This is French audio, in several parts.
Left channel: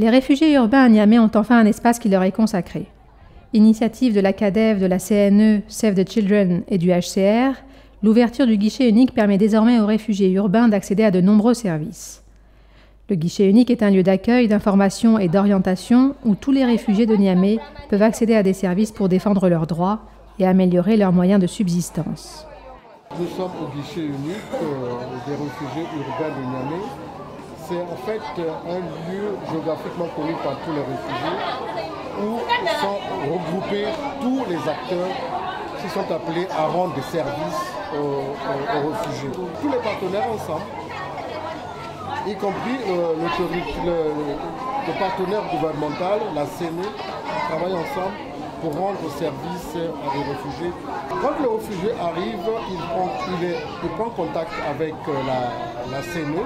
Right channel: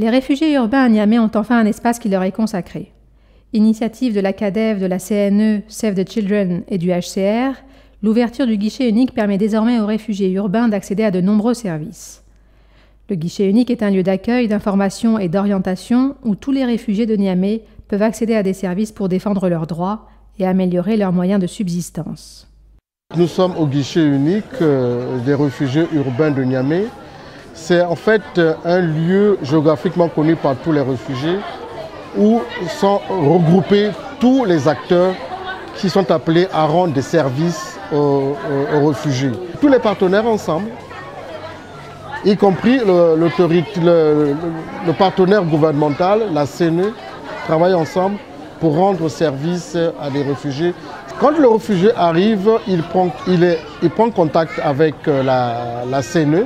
Les réfugiés urbains à Niamey ont enfin un espace qui leur est consacré. Initiative de la CADEV, de la CNE, Save the Children et du HCR, l'ouverture du guichet unique permet désormais aux réfugiés urbains d'accéder à de nombreux services. Le guichet unique est un lieu d'accueil, d'information et d'orientation où tous les réfugiés de Niamey peuvent accéder à des services pour défendre leurs droits et améliorer leurs moyens de subsistance. Nous sommes au guichet unique des réfugiés urbains de Niamey. C'est en fait un lieu géographiquement connu par tous les réfugiés où sont regroupés tous les acteurs qui sont appelés à rendre des services aux réfugiés. Tous les partenaires ensemble, y compris le partenaire gouvernemental, la CNE, travaillent ensemble pour rendre service à des réfugiés. Quand le réfugié arrive, il prend contact avec la CNE.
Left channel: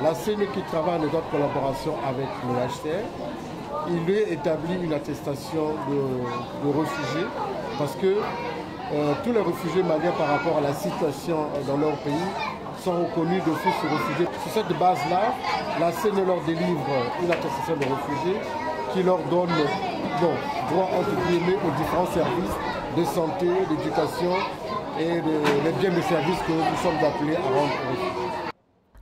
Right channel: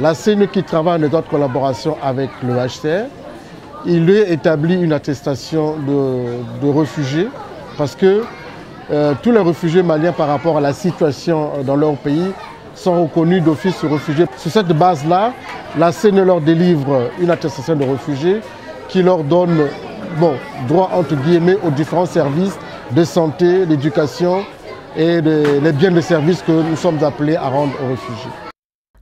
La CNE qui travaille en étroite collaboration avec le HCR. Il lui établit une attestation de réfugié parce que tous les réfugiés maliens par rapport à la situation dans leur pays sont reconnus d'office réfugiés. Sur cette base-là, la CNE leur délivre une attestation de réfugié qui leur donne droit entre guillemets aux différents services de santé, d'éducation et les biens de services que nous sommes appelés à rendre aux réfugiés.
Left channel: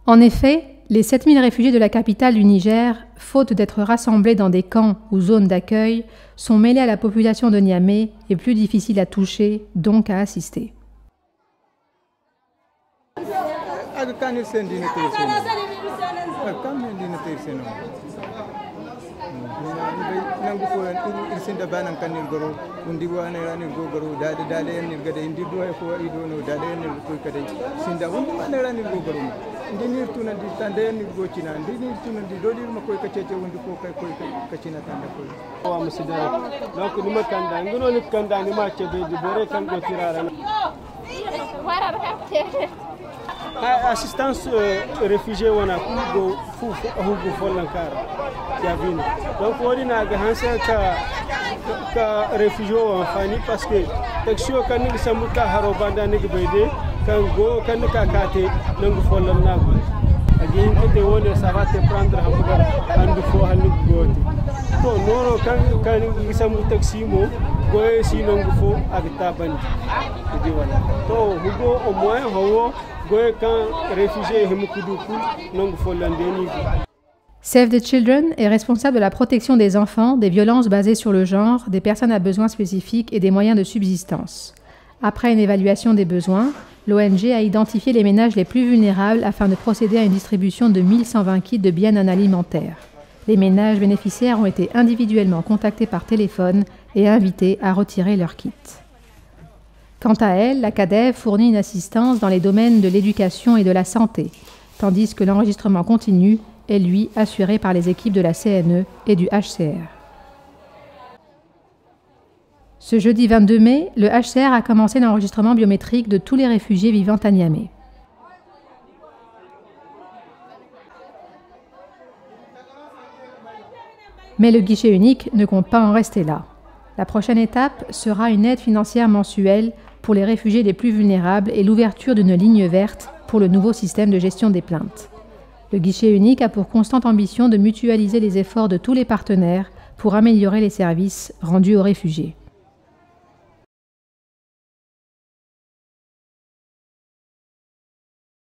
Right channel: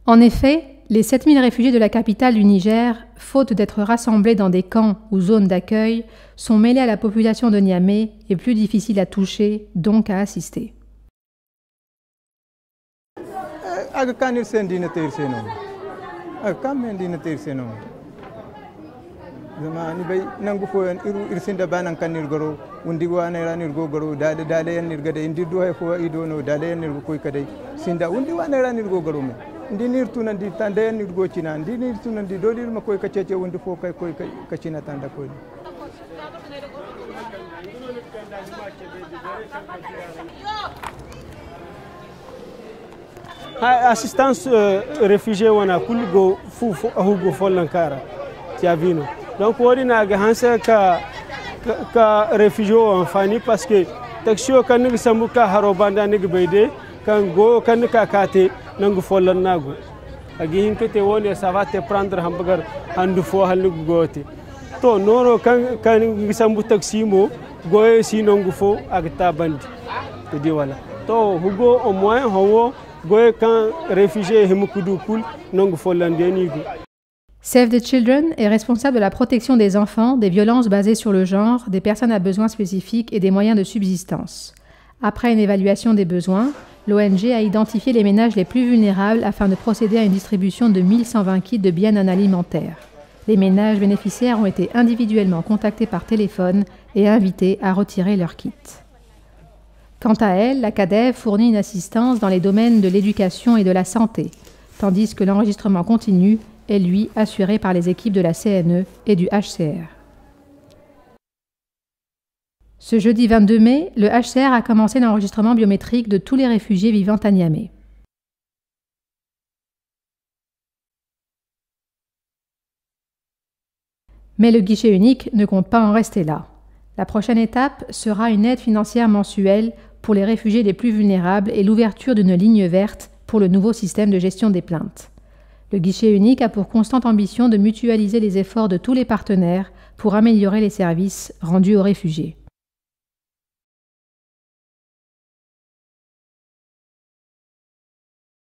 En effet, les 7000 réfugiés de la capitale du Niger, faute d'être rassemblés dans des camps ou zones d'accueil, sont mêlés à la population de Niamey et plus difficiles à toucher, donc à assister. Assistance réfugiés wana kulgo fufu ahugo folankara tiavino donc wodi na ga hansa ka réfugiés amfani parce que taxio kan ni sambuka haro banda ni beide kan go kan ka kate nangu folan nago agi hinkete woni ça va te prendre hamburger andu fo halu gote to nono kan ni sambu taximo goye si nangu fo agta banti di wala to hugo au moins howo. Save the Children est responsable de la protection des enfants, des violences basées sur le genre, des personnes à besoins spécifiques et des moyens de subsistance. Après une évaluation des besoins, l'ONG a identifié les ménages les plus vulnérables afin de procéder à une distribution de 1120 kits de biens non alimentaires. Les ménages bénéficiaires ont été individuellement contactés par téléphone et invités à retirer leurs kits. Quant à elle, la CADEV fournit une assistance dans les domaines de l'éducation et de la santé, tandis que l'enregistrement continu est, lui, assuré par les équipes de la CNE et du HCR. Ce jeudi 22 mai, le HCR a commencé l'enregistrement biométrique de tous les réfugiés vivant à Niamey. Mais le guichet unique ne compte pas en rester là. La prochaine étape sera une aide financière mensuelle pour les réfugiés les plus vulnérables et l'ouverture d'une ligne verte pour le nouveau système de gestion des plaintes. Le guichet unique a pour constante ambition de mutualiser les efforts de tous les partenaires pour améliorer les services rendus aux réfugiés.